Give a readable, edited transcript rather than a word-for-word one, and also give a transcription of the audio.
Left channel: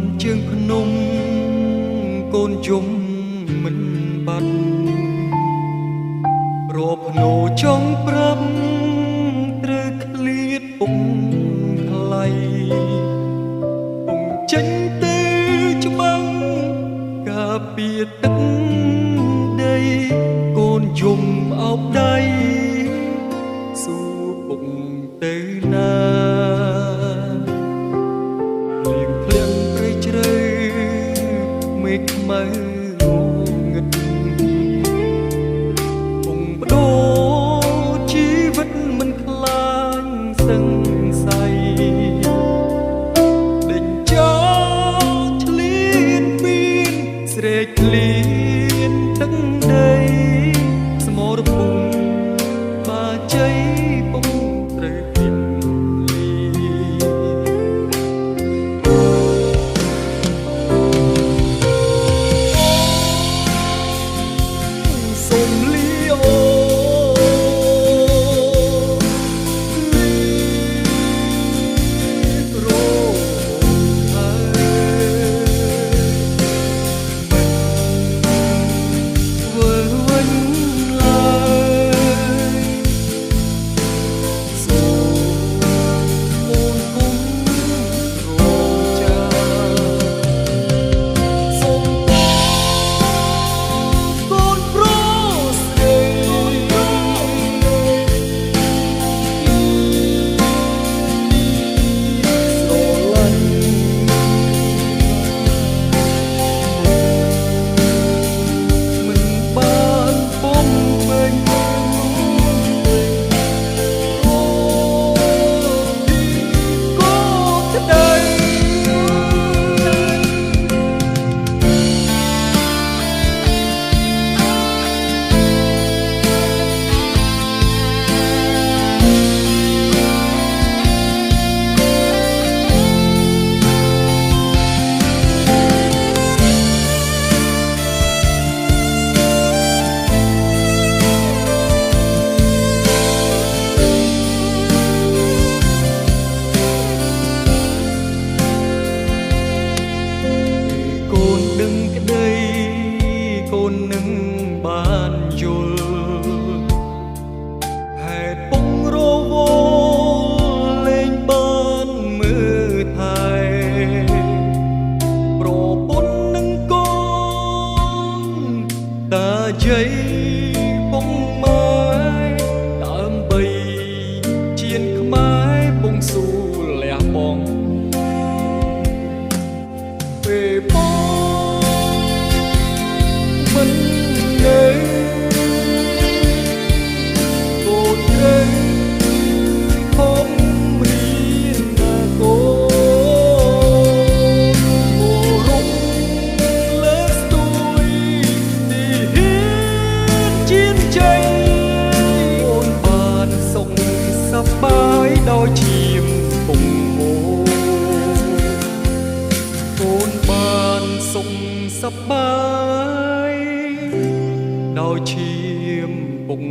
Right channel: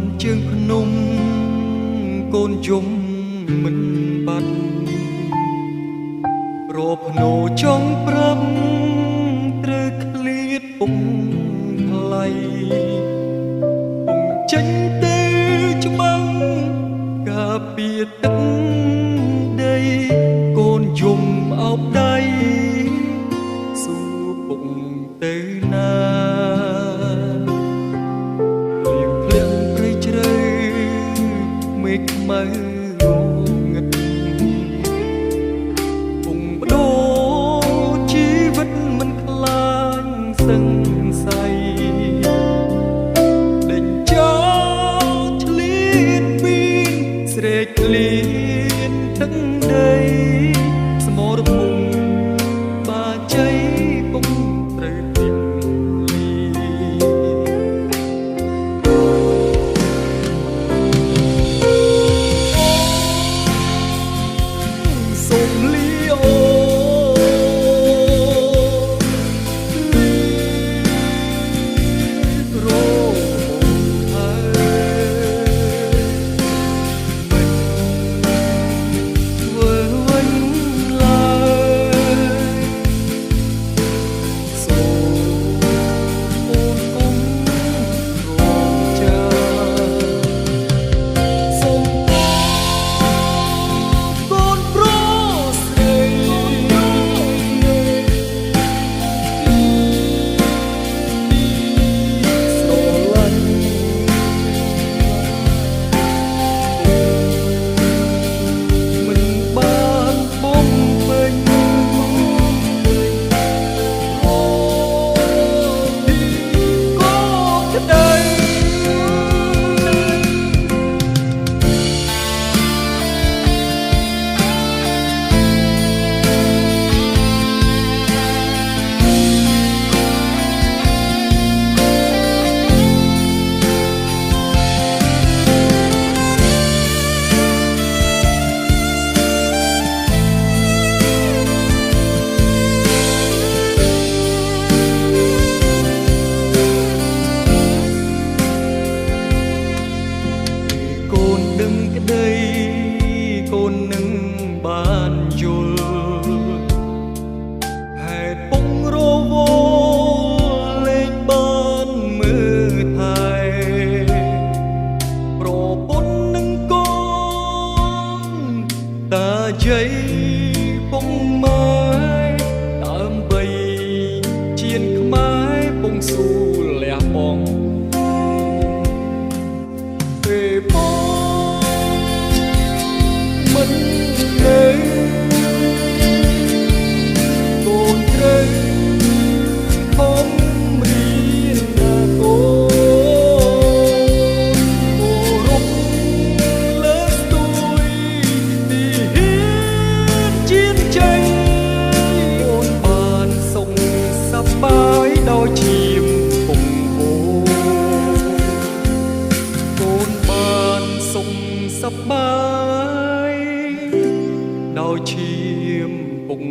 ន់ជើងភ្នំកូនយំមិនបាត់រកភ្នោចង់ប្រាប់ត្រូវឃ្លាតពុកថ្លៃពុំចេញទៅច្បាំងការពារទឹកដីកូនយំអោបដៃសួរពុកទៅណាលៀងធ្លាក់ព្រៃជ្រៅមេឃខ្មៅងឹតពុំបដូរជីវិតមិនខ្លាញ់សឹងស័យដេញចោលឆ្លៀនពៀនស្រែកឃ្លានទឹកដីសមរភូមិបាជ័យពុំត្រូវទាំងលីអូសូមលីអូលីរហូតហើយមិនធ្វើវិញឡើយសូមអូនគុំរងចាំសូមតកូនប្រុសស្រីជាទីស្រឡាញ់ពុកមិនបានបំពេញរពីក៏ក្តី កូនដឹងក្តីកូននឹងបានយល់ហេតុពងរវល់លែងបានមើលថែប្រពន្ធនឹងកូនតាយាយពងម៉ែដើម្បីជៀនខ្មែរពងស៊ូលះបង់ពេលបងមិននៅកូនត្រូវខំរៀនណាកូនគោរពលើកស្ទួយទីហ៊ានជៀនជ័យអូនបានសុខសប្បាយដោយឈាមពុកហូរកូនបានសុខសប្បាយដោយឈាមពុក